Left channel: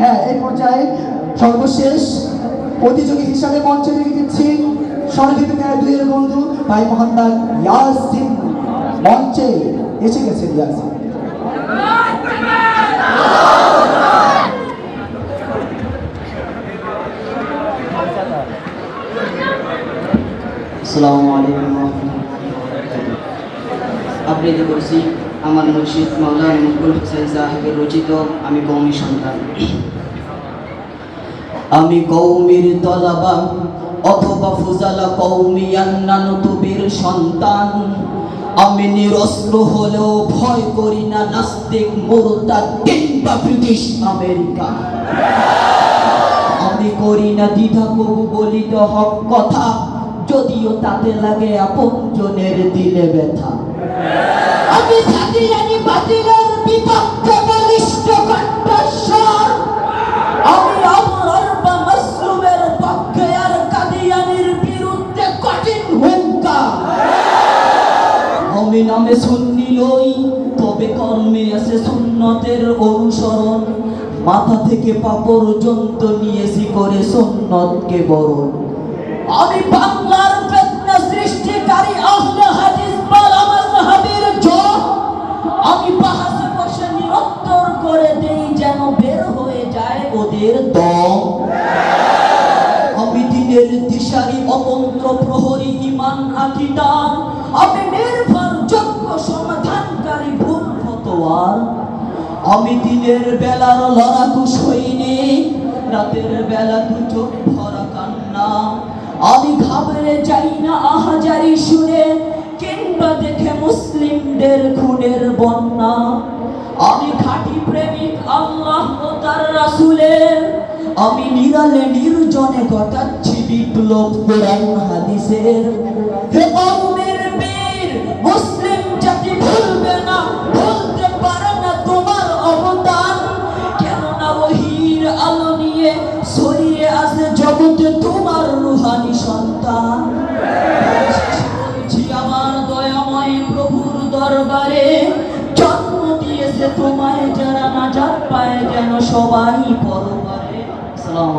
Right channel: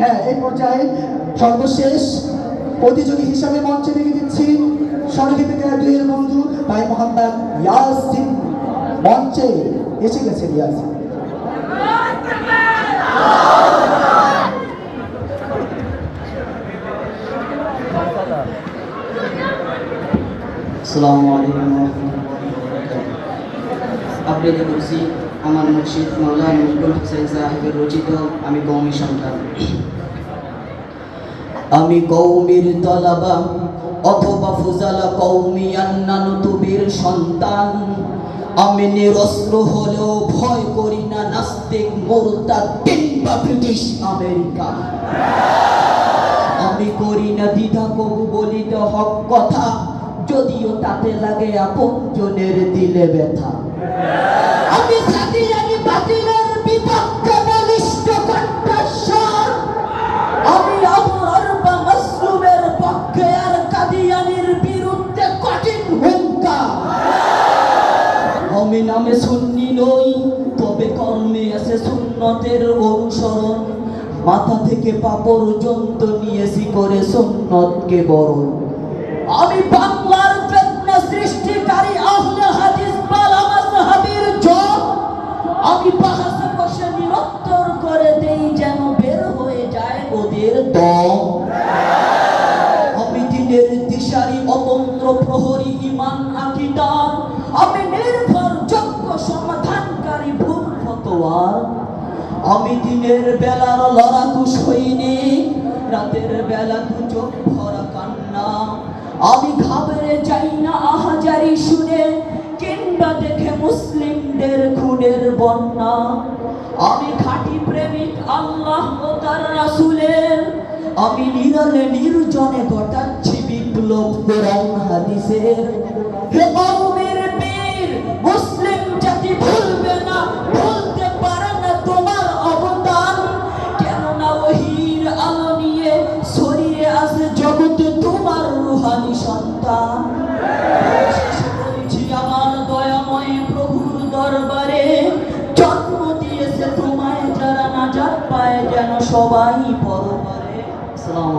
হ্যাঁ এই পর্যায়ে সর্বশেষ প্রতিযোগী হিসাবে মঞ্চে রেখে দিচ্ছি দুইয়ের বন্ধু ভাই মোহাম্মদ মঞ্চে এসে গেছে ইয়াসিন। আসসালামু আবৃত্তি করছি। আমার মুর্শিদ মাওলানা মুকুল হোসেন সাহেবের রচিত, আমি কৌমি সন্তান। আমি কৌমির তলাবা অথবা ফুজালা কৌমি আন্নানুতুবির সন্তান। আমি নিরস্ত্র হলেও ভয় করি না নাস্তিক, মোরতাদ কিংবা ব্রিটিশ আমেরিকা। আমি করি না দ্বিধা, কবু বলিতে হক কথা, যদিও তাতে লাগে আপন জনের দিলে ব্যথা। সুন্নি নই, তবে কর্মে আছে সুন্নতের অনুসরণ। মাথা থেকে পা পর্যন্ত নিয়েছি করে সুন্নতকে বরণ। আমি বাংলার ফেতনা সৃষ্টিকারী আহলে হাদিস বালা মাযহাবের জম আমি বাহাসে বসে নিরত্তর করে দেই যেন বের হয়ে যায় ওদের দম। আমি দিনের দিশারি অতন্ত্র প্রহরী ইমান আকিদার আমি নির্ভরযোগ্য সমাধানকারী ভুল ফতোয়ার আমি দিনের বেলার লড়াকু সৈনিক রাতের বেলা দু চোখ ভরা কান্না। আমি ঘাবড়ে যাই না, আহাজারি শুনে, কিংবা দেখে মুসলিমদের খুনের বন্যা। আমি খাঁটি প্রেমিক, আল্লাহ ও তার রাসূলের। আমি নিরালে নির্জনে ঘটাচ্ছি বিপ্লব কোরআন হাদিসের। হে নিয়ে ছড়িয়ে আছে জগতে তোমার রুহানি সন্তান। আমার দয়াময় প্রভুর দরবারে জন্ম দিয়েছে তোমায়, যারা নাজাত পায় যেন সবাই পরবারে আসসালামু